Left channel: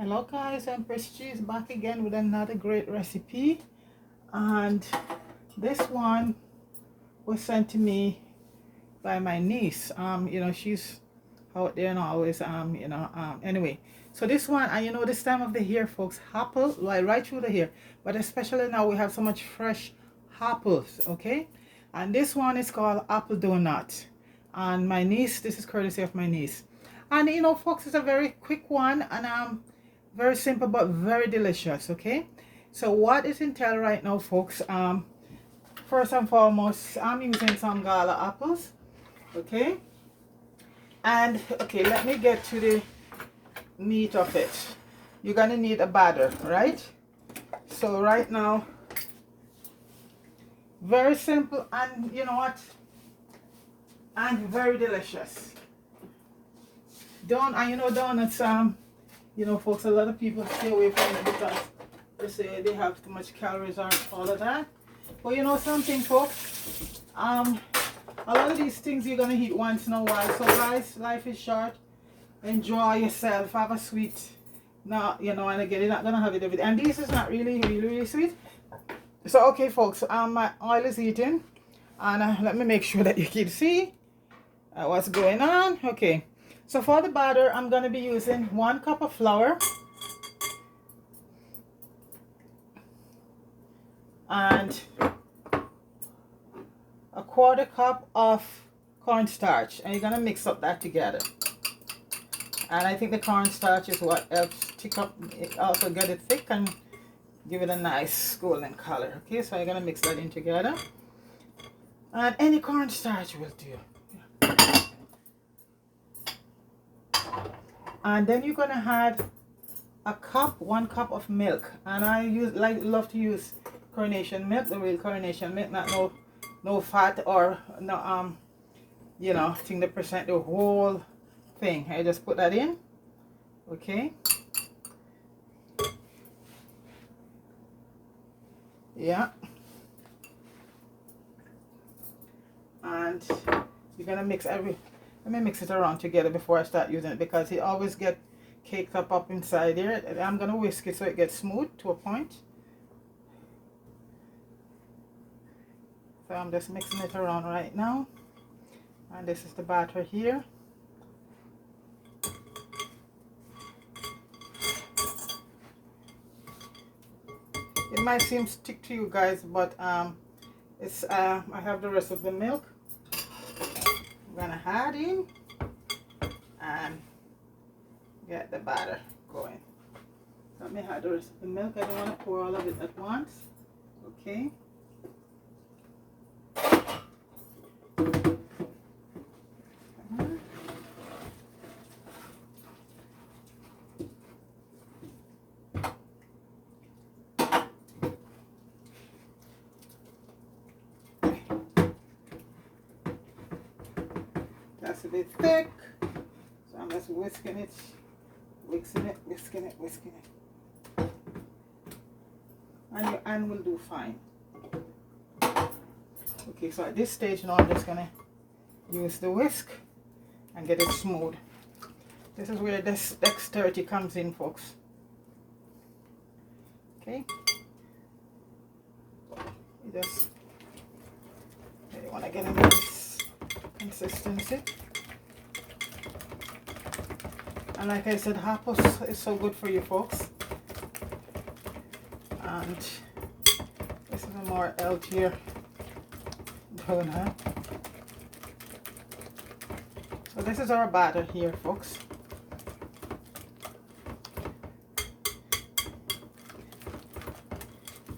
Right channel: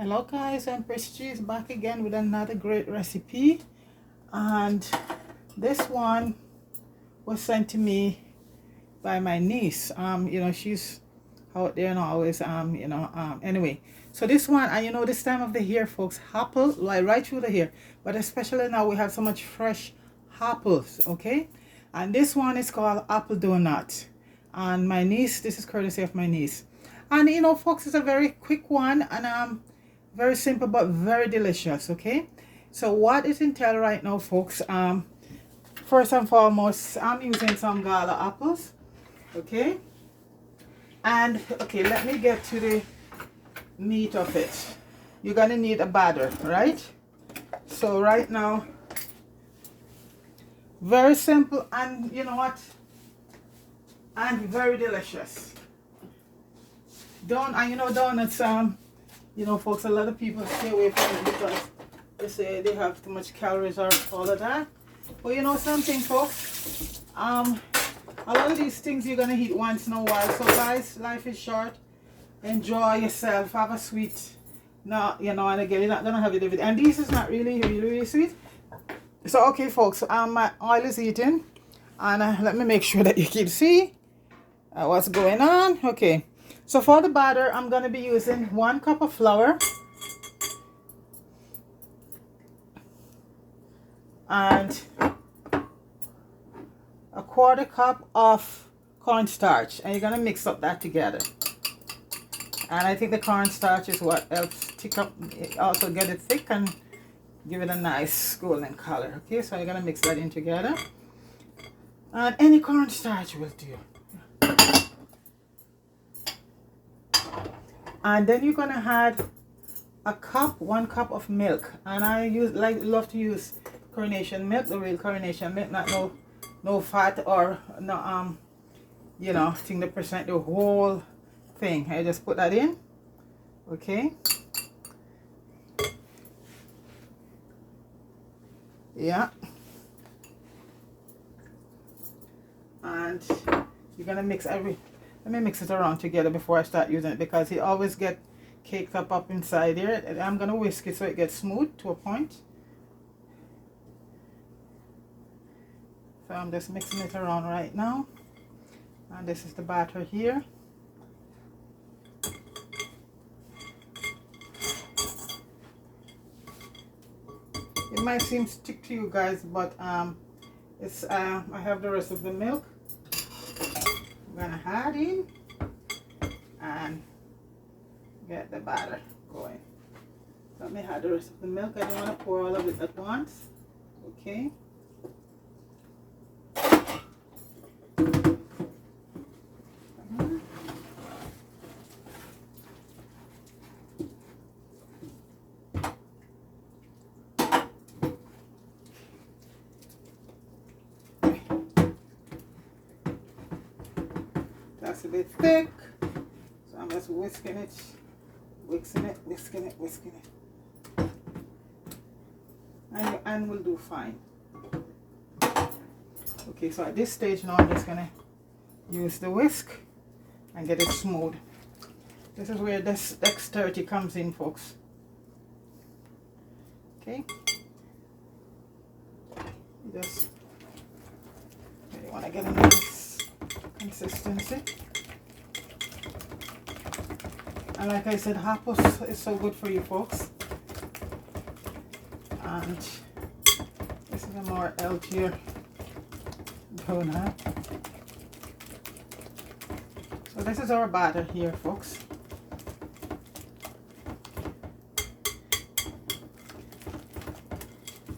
Hello guys, I'm Prestige back again with another great recipe, and this one was sent to me by my niece. She's out there and always anyway. So this one, and this time of the year folks, apple like right through the year, but especially now we have so much fresh apples, okay? And this one is called apple donut, and my niece, this is courtesy of my niece. And folks, it's a very quick one, and very simple but very delicious, okay? So what it entails right now folks, first and foremost, I'm using some gala apples, okay? And okay, let me get to the meat of it. You're gonna need a batter, right? So right now, very simple, and you know what, and very delicious. Donuts, folks, a lot of people stay away from it because they say they have too much calories or all of that. But you know something, folks, a lot of these things you're gonna eat once in a while. So guys, life is short. Enjoy yourself. Have a sweet. No, and again, you're not gonna have it every day. And this is not really sweet. So okay, folks, my oil is heating, and let me make sure that you can see what's going on. Okay. So for the batter, I'm going to be using 1 cup of flour and a 1/4 cup of cornstarch, and you're going to mix up that together. And I think the cornstarch is what helps thick up, also get it thick and give it a nice golden color. Okay, so you're going to mix that in together, and any cornstarch will do. And then you're gonna add 1 cup of milk, and I love to use Coronation milk, the real Coronation milk, not no fat or no think the percent, the whole thing. I just put that in, okay. Yeah, and you're gonna mix let me mix it around together before I start using it, because it always get caked up inside here. I'm gonna whisk it so it gets smooth to a point. So I'm just mixing it around right now, and this is the batter here. It might seem stick to you guys, but it's I have the rest of the milk. I'm gonna add in and get the batter going. Let me add the rest of the milk. I don't want to pour all of it at once, okay. That's a bit thick, so I'm just whisking it, whisking it, and your hand will do fine. Okay, so at this stage now I'm just gonna use the whisk and get it smooth. This is where this dexterity comes in, folks. Okay, you just really want to get a nice consistency. And like I said, apples is so good for you folks, and this is a more healthier donut. So this is our batter here, folks.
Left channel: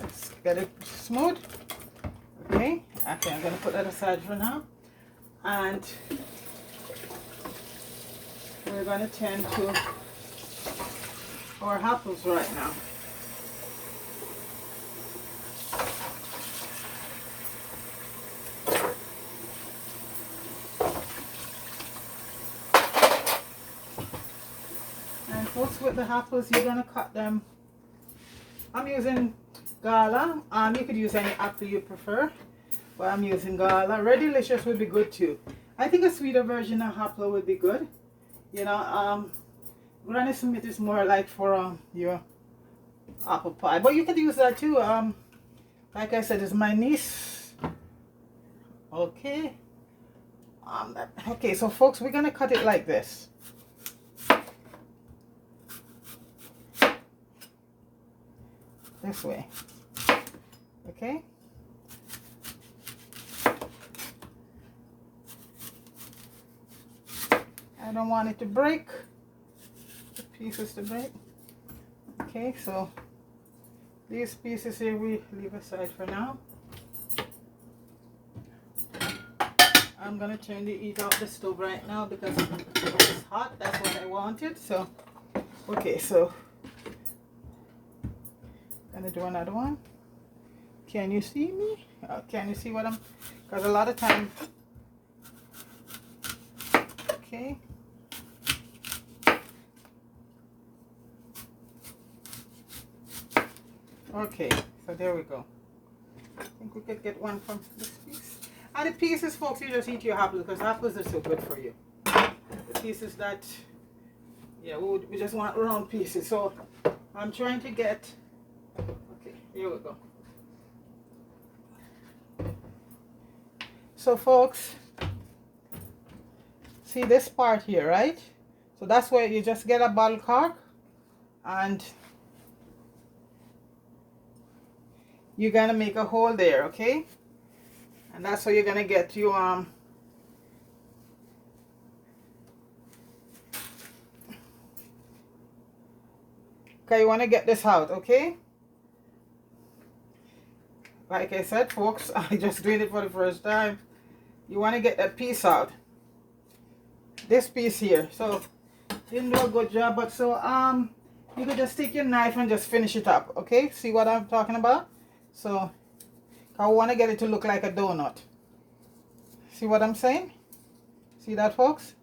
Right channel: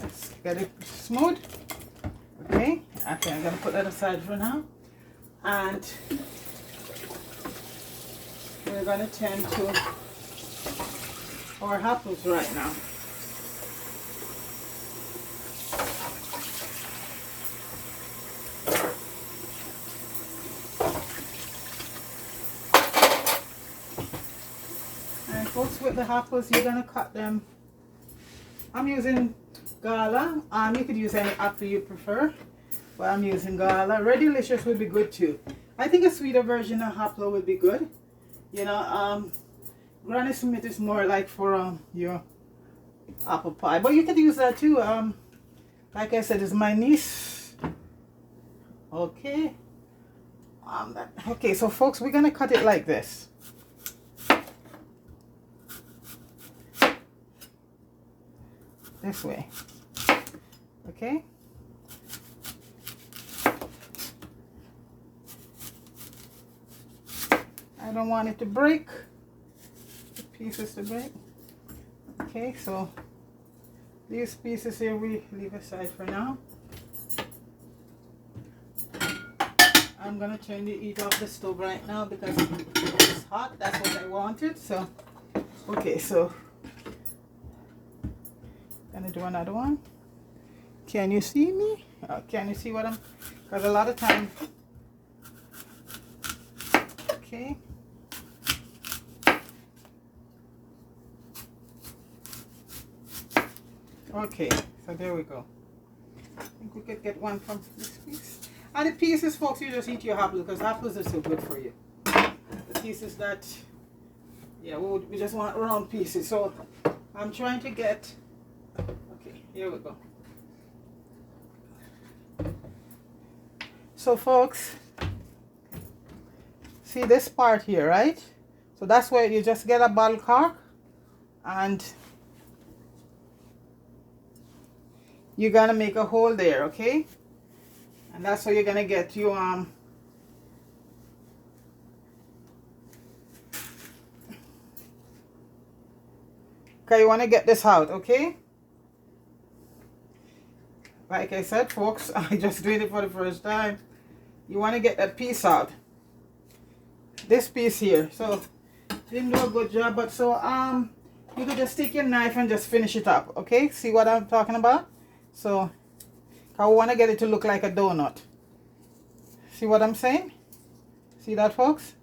Let's get it smooth. Okay, actually I'm gonna put that aside for now, and we're going to tend to our apples right now. And folks, with the apples, you're going to cut them. I'm using gala. You could use any apple you prefer, but I'm using gala. Red Delicious would be good too. I think a sweeter version of apple would be good. Granny Smith is more like for your apple pie, but you could use that too. Like I said, it's my niece. Okay. Okay, so folks, we're gonna cut it like this. This way. Okay. I don't want it to break. The pieces to break. Okay, so these pieces here we leave aside for now. I'm gonna turn the heat off the stove right now because it's hot. That's what I wanted. So, okay, so gonna do another one. Can you see me? Can you see what I'm? Because a lot of time. Okay. Okay, so there we go. I think we could get one from this piece. And the pieces, folks, you just eat your apples because apples are so good for you. The pieces that, yeah, we just want round pieces. So I'm trying to get, okay, here we go. So folks, see this part here, right? So that's where you just get a bottle cork and you're gonna make a hole there, okay? And that's how you're gonna get your okay, you want to get this out, okay? Like I said, folks, I just doing it for the first time. You want to get that piece out, this piece here. So didn't do a good job, but so you could just take your knife and just finish it up, okay? See what I'm talking about? So I want to get it to look like a donut. See what I'm saying? See that, folks?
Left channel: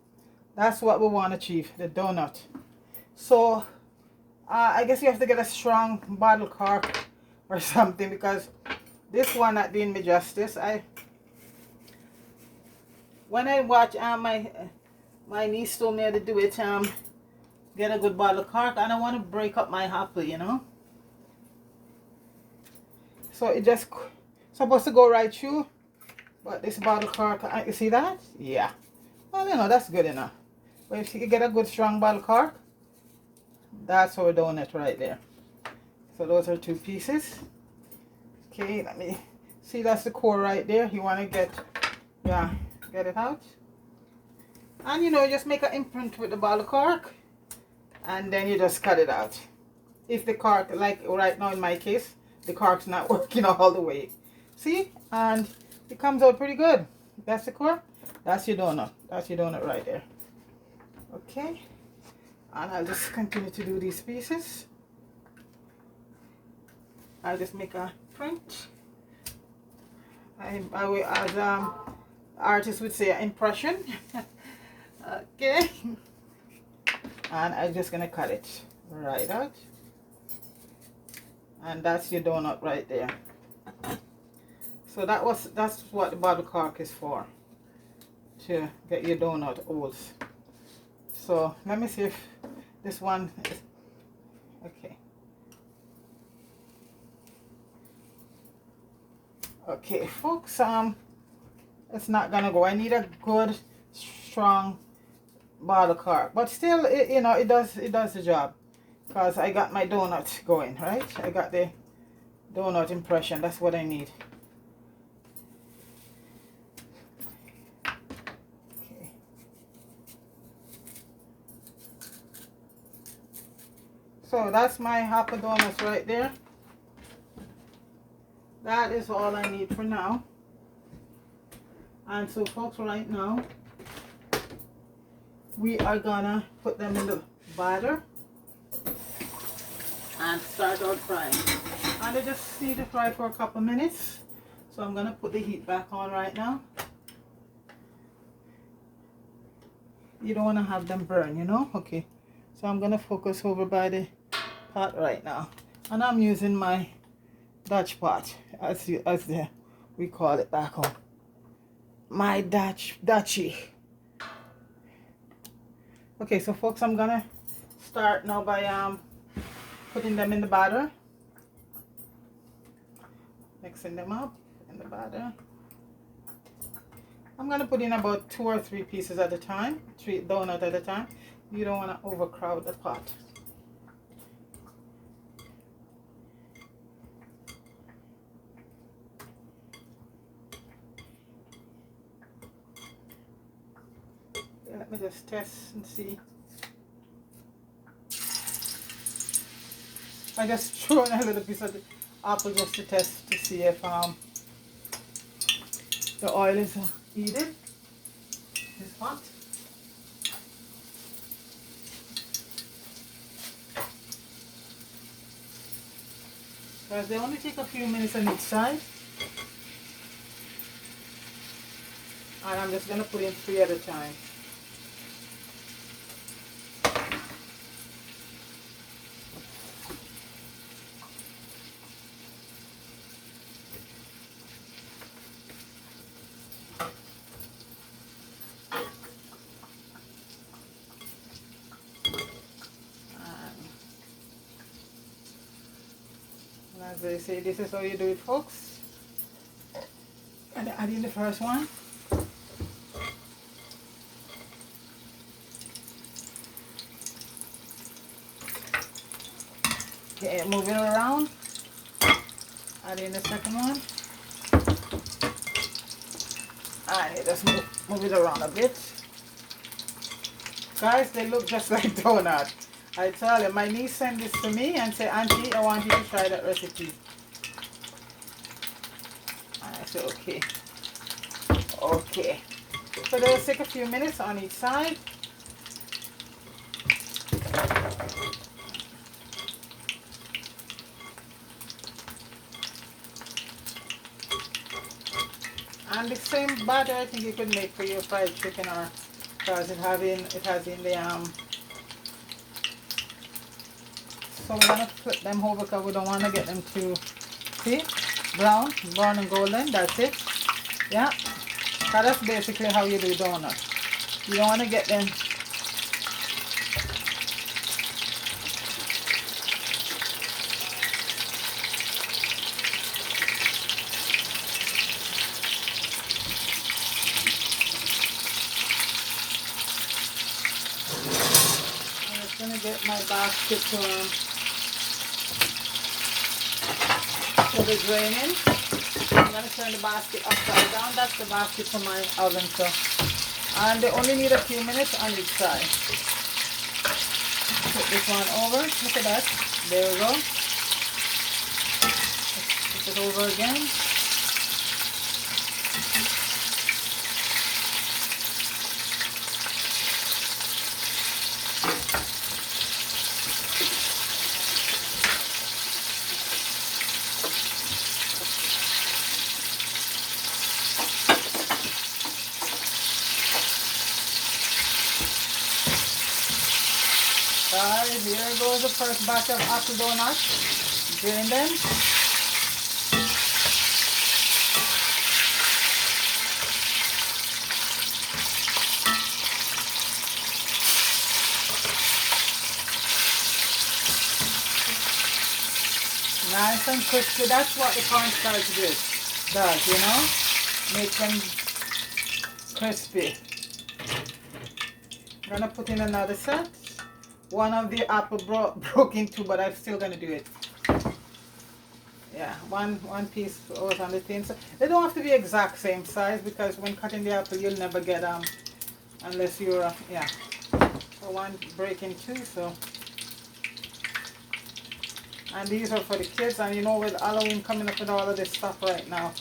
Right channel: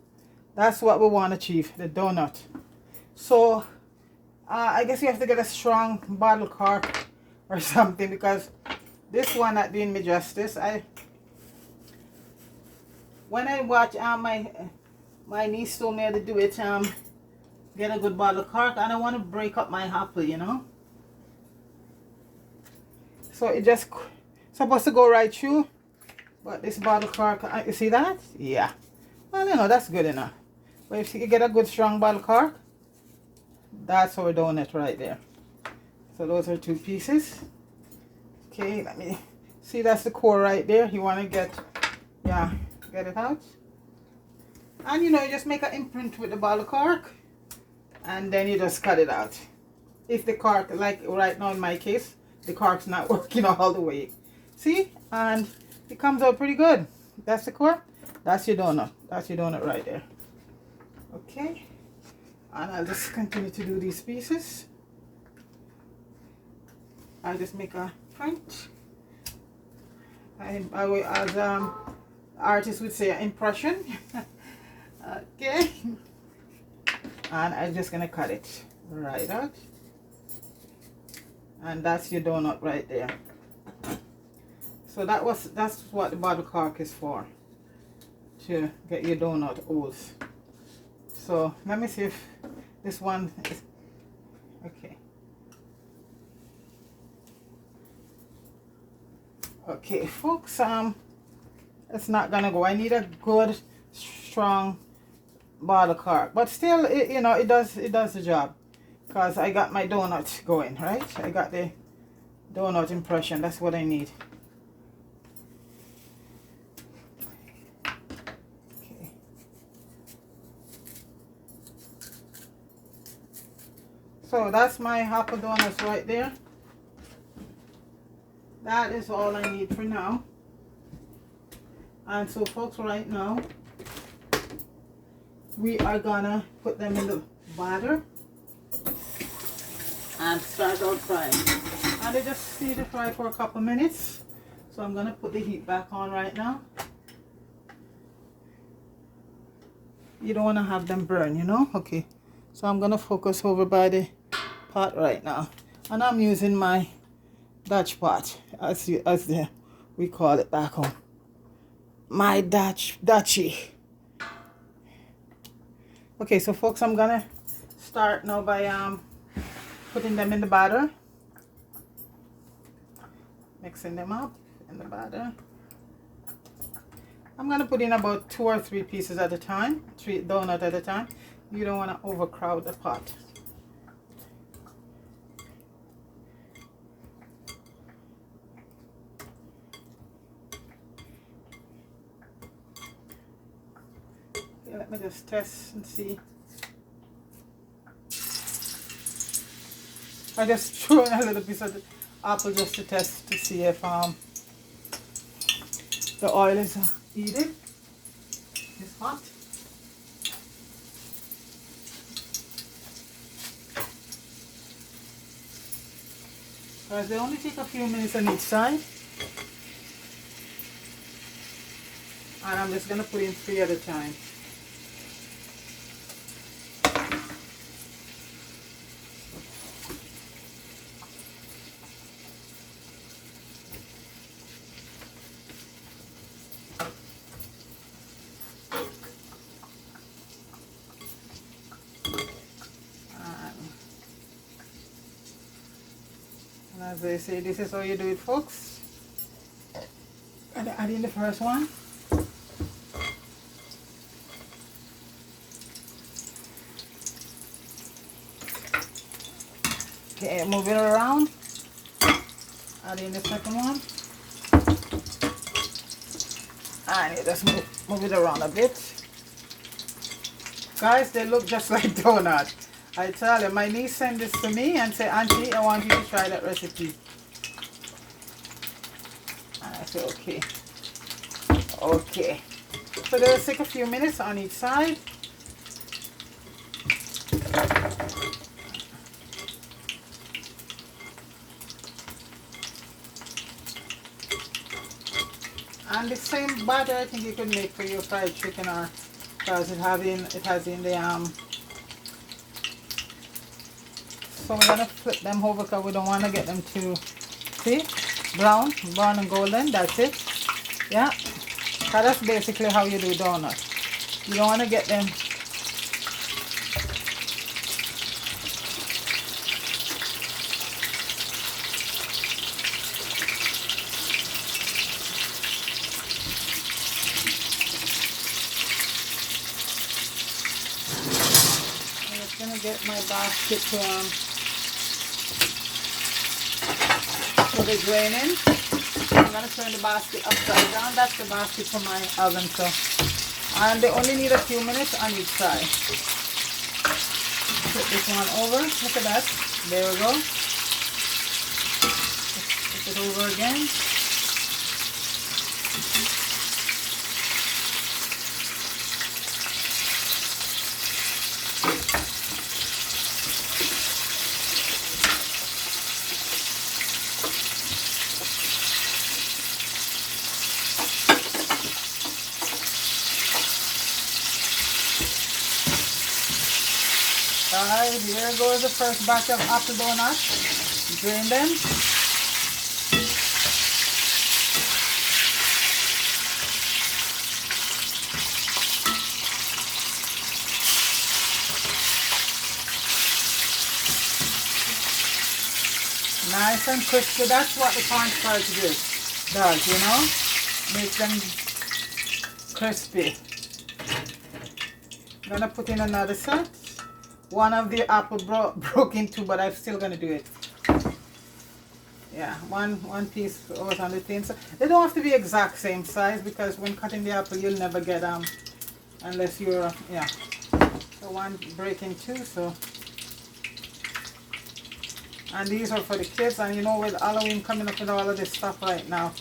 That's what we want to achieve, the donut. So I guess you have to get a strong bottle cork or something because this one not doing me justice. When I watch my niece told me how to do it, get a good bottle cork. I don't want to break up my apple, you know. So it just supposed to go right through, but this bottle cork, you see that? Yeah. Well, you know, that's good enough. But if you get a good strong bottle cork, that's our donut right there. So those are two pieces. Okay, let me see, that's the core right there. You want to get it out. And you know, just make an imprint with the bottle cork and then you just cut it out. If the cork, like right now in my case, the cork's not working all the way. See? And it comes out pretty good. That's the cork. That's your donut. That's your donut right there. Okay. And I'll just continue to do these pieces. I'll just make a print. I will, as artists would say, impression. Okay. And I'm just gonna cut it right out. And that's your donut right there. So that's what the bottle cork is for, to get your donut holes. So let me see if this one is okay. Okay, folks, it's not gonna go. I need a good strong bottle cork, but still, you know, it does the job because I got my donut going, right? I got the donut impression. That's what I need. Okay. So that's my apple donuts right there. That is all I need for now. And so folks, right now we are gonna put them in the batter and start out frying. And they just need to fry for a couple minutes. So I'm gonna put the heat back on right now. You don't want to have them burn, you know. Okay, so I'm gonna focus over by the pot right now, and I'm using my Dutch pot, as we call it back home. My Dutchie. Okay, so folks, I'm gonna start now by putting them in the batter, mixing them up in the batter. I'm going to put in about 2 or 3 pieces at a time, 3 donuts at a time. You don't want to overcrowd the pot. Okay, let me just test and see. I just threw in a little piece of the apple just to test to see if the oil is heated. It's hot. Because they only take a few minutes on each side. And I'm just going to put in 3 at a time. As they say, this is how you do it, folks. And add in the first one. Okay, move it around. Add in the second one. And you just move it around a bit. Guys, they look just like donut. I tell you, my niece sent this to me and said, Auntie, I want you to try that recipe. And I said, okay. Okay. So they'll take a few minutes on each side. And the same batter I think you could make for your fried chicken, or because it has in the so we're gonna flip them over because we don't want to get them too, see, brown and golden. That's it. Yeah, so that's basically how you do donuts. You don't want to get them I'm just gonna get my basket to put the grain in. I'm going to turn the basket upside down. That's the basket for my oven, so. And they only need a few minutes on each side. Put this one over. Look at that. There we go. Put it over again. Alright, here goes the first batch of apple donuts. Drain them. Nice and crispy. That's what the cornstarch does, you know? Make them crispy. I'm gonna put in another set. One of the apple broke in 2, but I'm still gonna do it. Yeah, one piece was on the thin side. They don't have to be exact same size, because when cutting the apple you'll never get unless you're yeah. So one break in 2. So, and these are for the kids. And you know, with Halloween coming up with all of this stuff right now,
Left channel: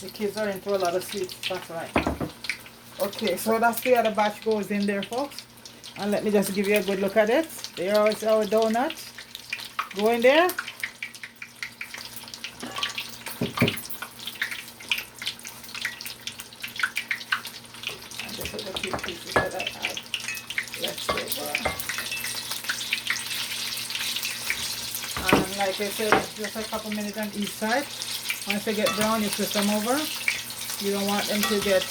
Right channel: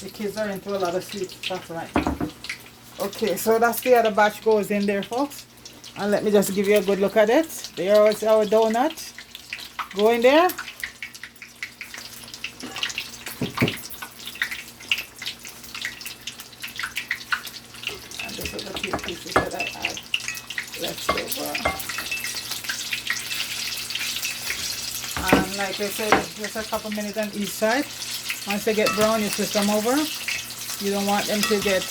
the kids are into a lot of sweet stuff right now. Okay, so that's the other batch goes in there, folks. And let me just give you a good look at it. There is our donut. Go in there. And this is the few pieces that I add. Let's go there. And like I said, just a couple minutes on each side. Once they get brown, you flip them over. You don't want them to get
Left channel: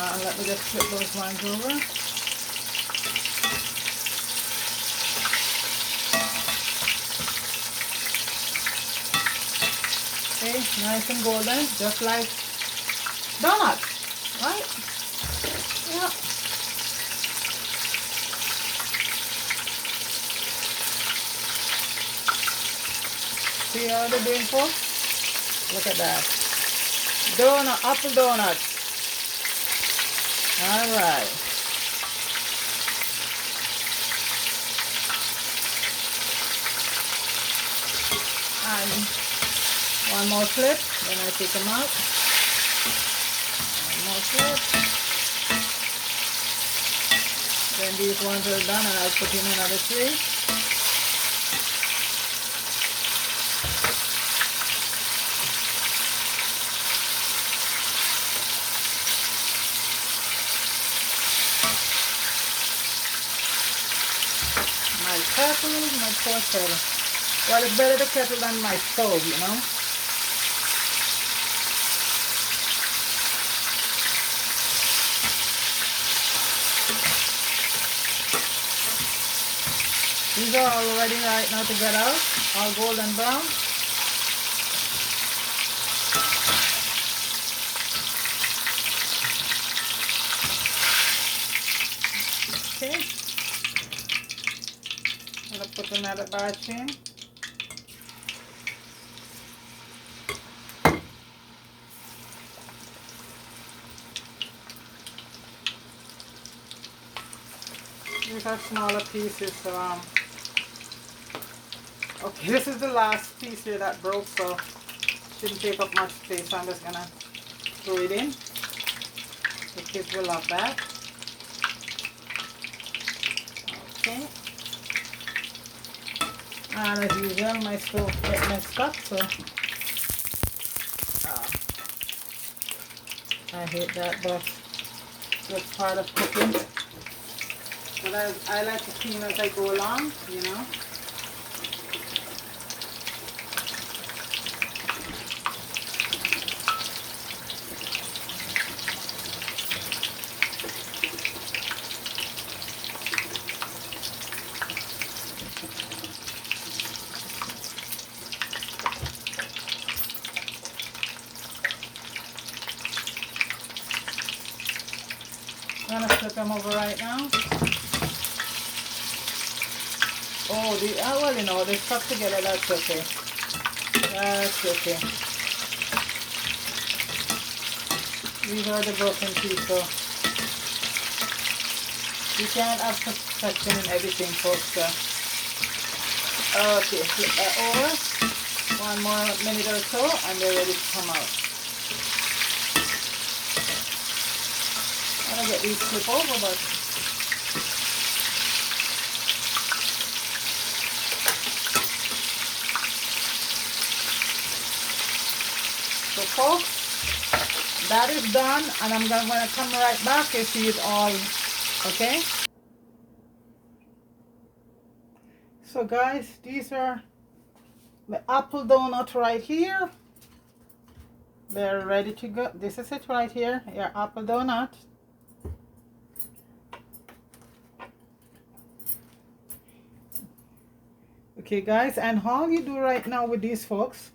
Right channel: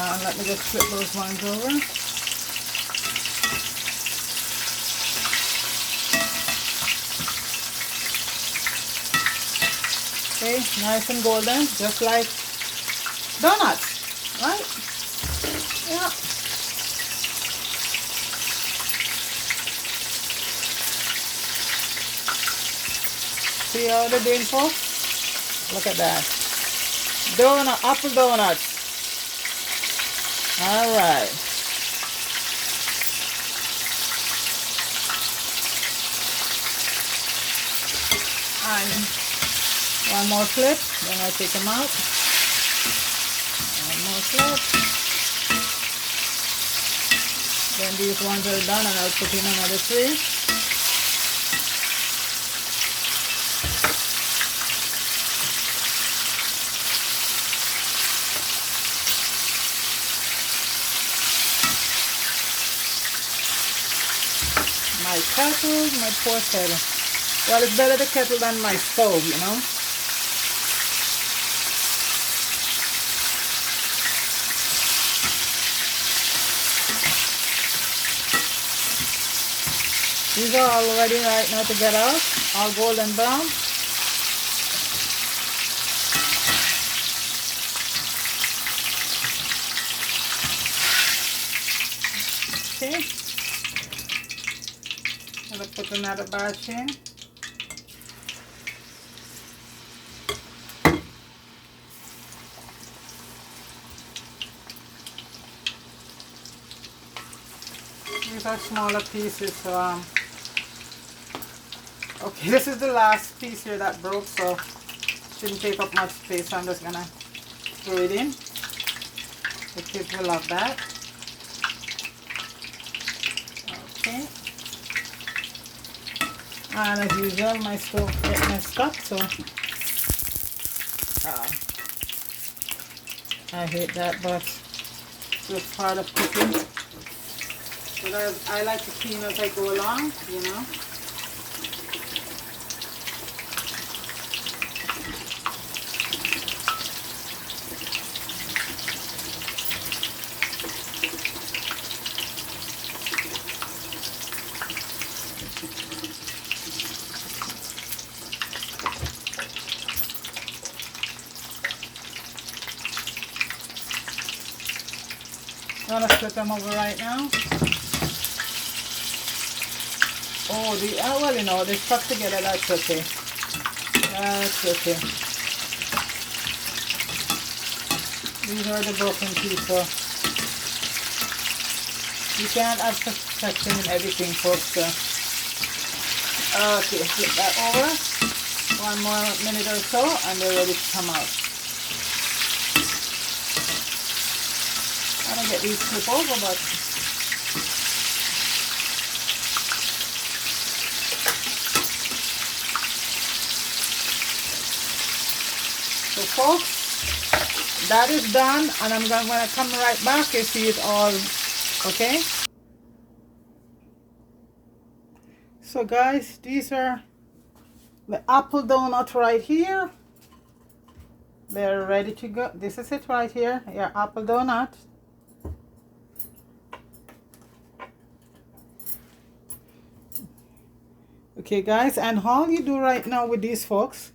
Let me just flip those ones over. Okay, nice and golden, just like donuts, right? Yeah. See how they're doing, folks? Look at that. Donut, apple donuts. All right. And one more flip, then I take them out. One more flip. Then these ones are done, and I'll put in another 3. My kettle, my poor kettle. Well, it's better the kettle than my stove, you know. These are all ready right now to get out, all golden brown. Okay. I'm going to put another batch in. These are smaller pieces. Okay, this is the last piece here that broke, so shouldn't take up much space. So I'm just gonna throw it in. The kids will love that. Okay. And as usual, my stove gets messed up, so I hate that, but it's part of cooking. But I like to clean as I go along, you know. I'm going to flip them over right now. Oh, well, you know, they stuck together. That's okay. That's okay. These are the broken pieces, so you can't have perfection in everything, folks. So. Okay, flip that over. One more minute or so, and they're ready to come out. I'm going to get these flip over, but so folks, that is done, and I'm going to come right back and see it all. Okay, so guys, these are the apple donut right here. They're ready to go. This is it right here, your apple donut. Okay guys, and all you do right now with these folks,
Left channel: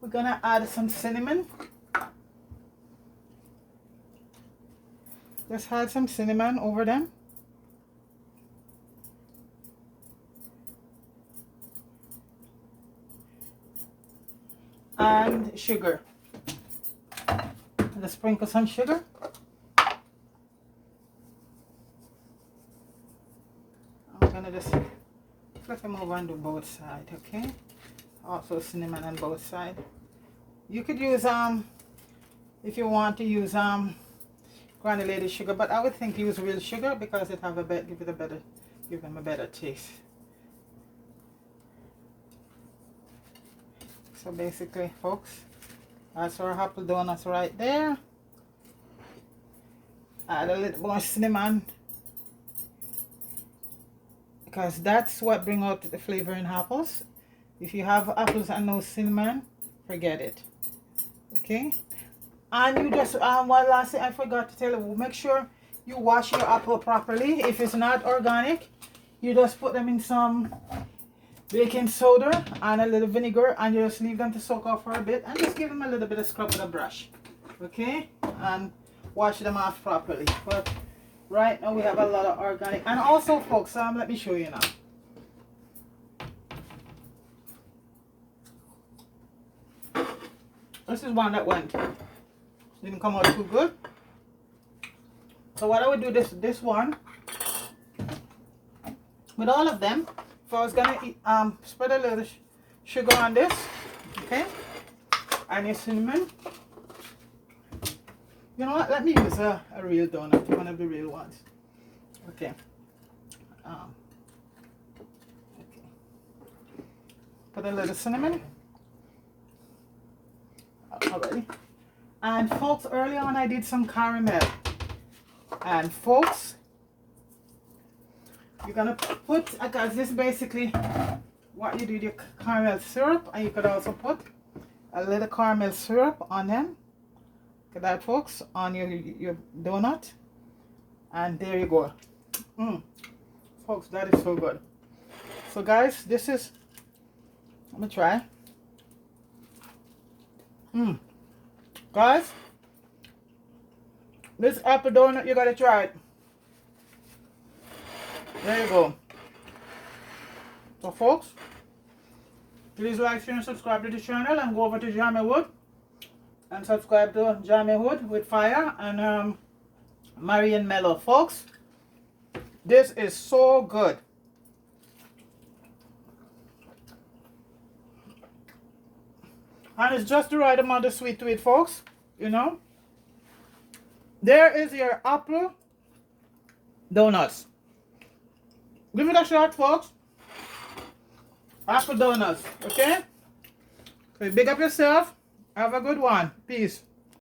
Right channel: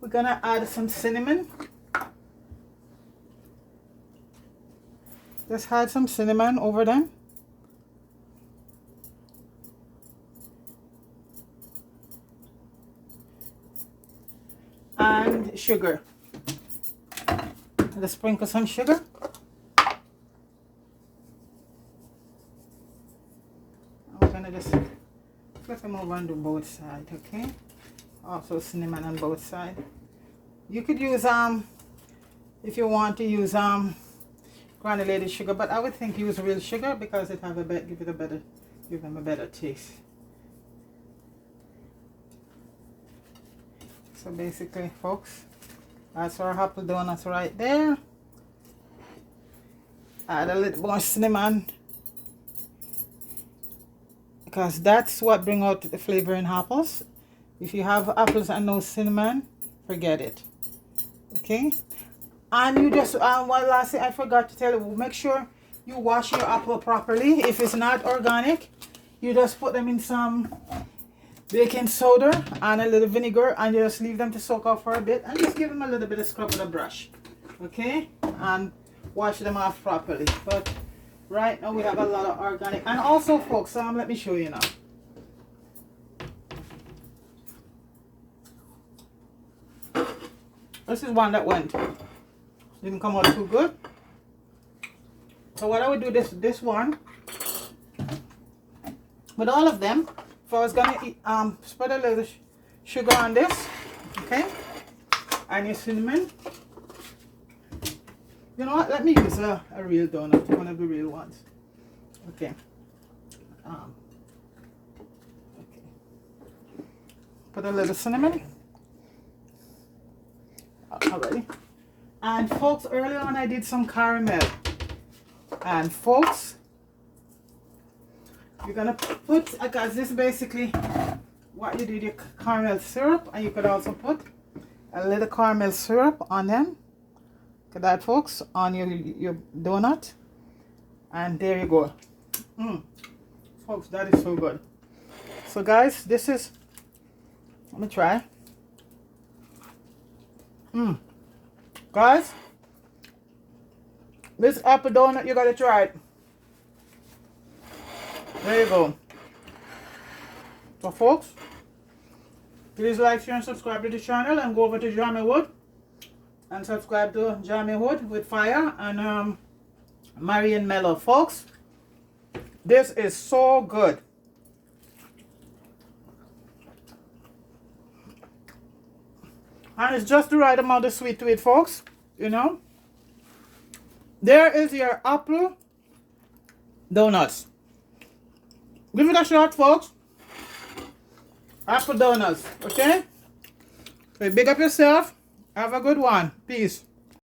we're gonna add some cinnamon. Just add some cinnamon over them. And sugar. Just sprinkle some sugar. I'm gonna just flip them over and do both sides, okay? Also cinnamon on both sides. You could use if you want to use granulated sugar, but I would think use real sugar because it have a bit give them a better taste. So basically, folks, that's our apple donuts right there. Add a little more cinnamon because that's what brings out the flavor in apples. If you have apples and no cinnamon, forget it. Okay, And you just one last thing I forgot to tell you, make sure you wash your apple properly. If it's not organic, you just put them in some baking soda and a little vinegar, and you just leave them to soak up for a bit, and just give them a little bit of scrub with a brush, okay, and wash them off properly. But right now we have a lot of organic. And also folks, let me show you now. This is one that didn't come out too good. So what I would do this one with all of them. So I was gonna spread a little sugar on this, okay, and your cinnamon. You know what? Let me use a real donut, one of the real ones. Okay. Okay. Put a little cinnamon. Already. And folks, earlier on I did some caramel. And folks, you're gonna put, because this is basically what you do with your caramel syrup, and you could also put a little caramel syrup on them. Look at that, folks, on your donut. And there you go. Folks, that is so good. So guys, this is, let me try. Guys, this apple donut, you gotta try it. There you go. So folks, please like, share, and subscribe to the channel, and go over to Jamie Wood and subscribe to Jamie Wood with Fire and Marion Mello. Folks, this is so good. And it's just the right amount of sweet to it, folks. You know, there is your apple donuts. Give it a shot, folks. Apple donuts, okay? So big up yourself. Have a good one. Peace.